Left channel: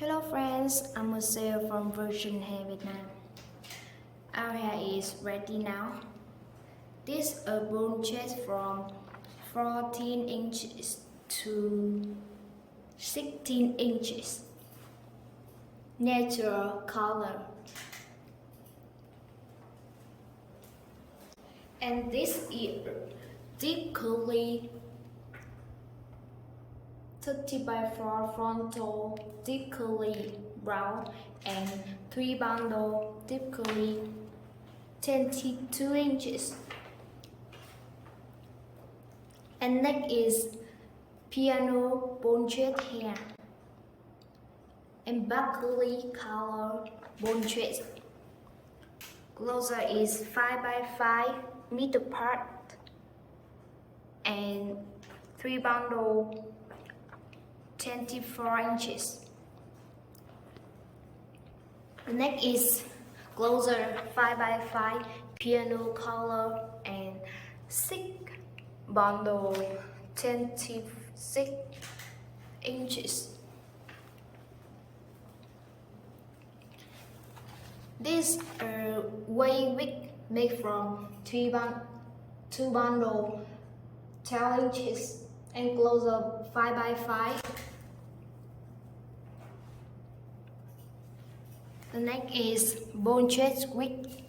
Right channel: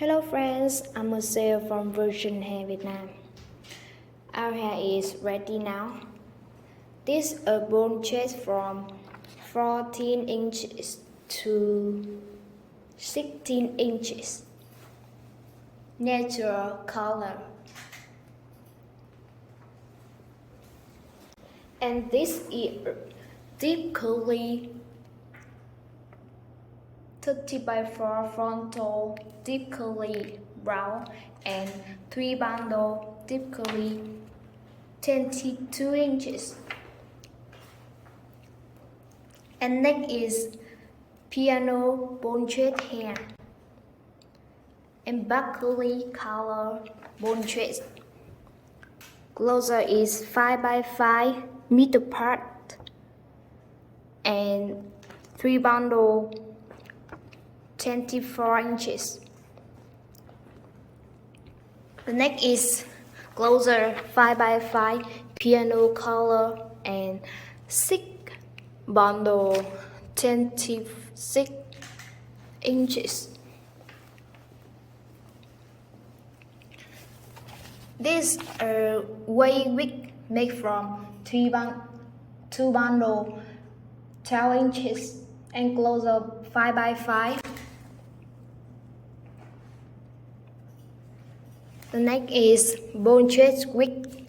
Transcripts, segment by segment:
Hello friends, I'm Marcel from Vietnamese, Vietnam. Our hair is ready now. This is a bone change from 14 inches to 16 inches. Natural color. And this is deep curly 30x4 frontal deep curly brown and 3 bundle deep curly 22 inches. And next is piano bone thread hair and back curly color bone thread. Closer is 5x5 meter part and 3 bundle 24 inches. The next is closer 5x5 piano color and 6 bundle 26 inches. This is a wave wig made from 2 bundle 12 inches and closer 5x5. The next is bone thread wig.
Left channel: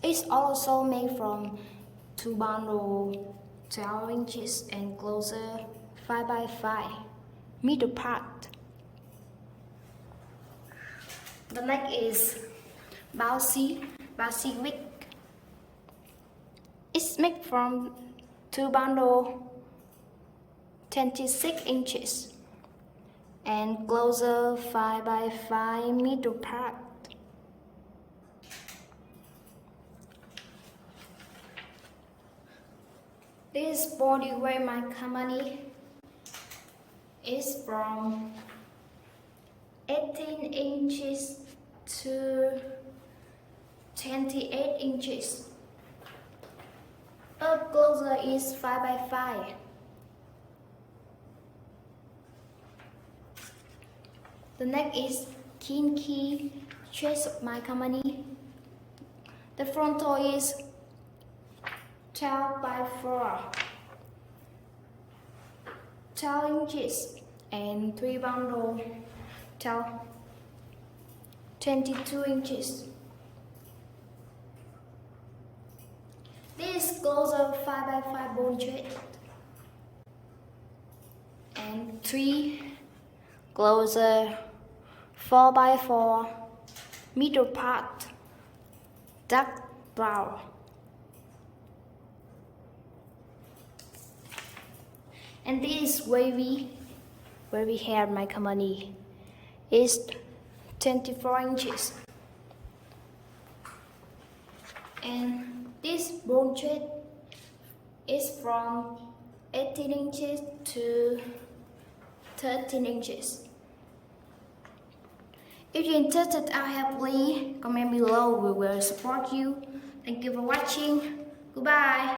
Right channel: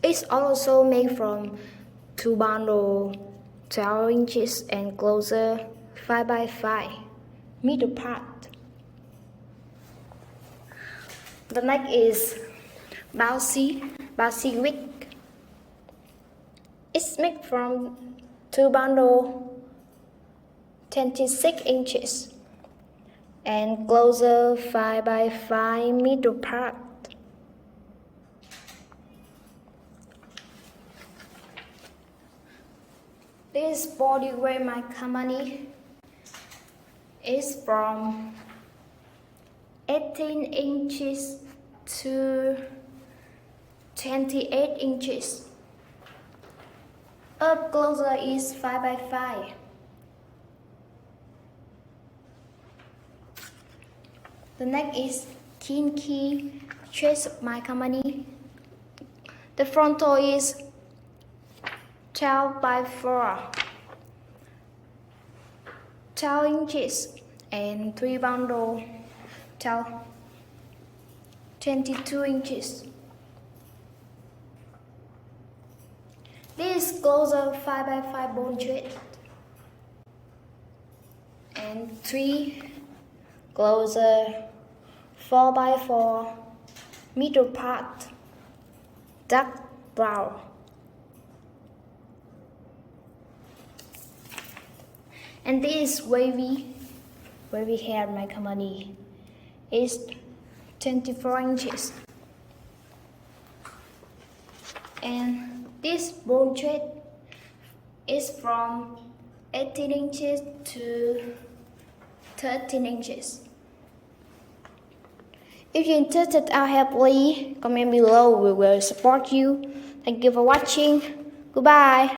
It's also made from 2 bundle 12 inches and closer 5x5 middle part. The next is bouncy wig. It's made from 2 bundle 26 inches and closer 5x5 middle part. This body wear my company is from 18 inches to 28 inches. Up closer is 5x5. The next is kinky chest of my company. The frontal is 12x4, 12 inches and 3 bundle 22 inches. This is closer 5x5 bone thread and 3 closer 4x4 middle part dark brown. And this wavy hair my company is 24 inches. And this bone thread is from 18 inches to 13 inches. If you're interested in our hair, please comment below. We will support you. Thank you for watching. Goodbye.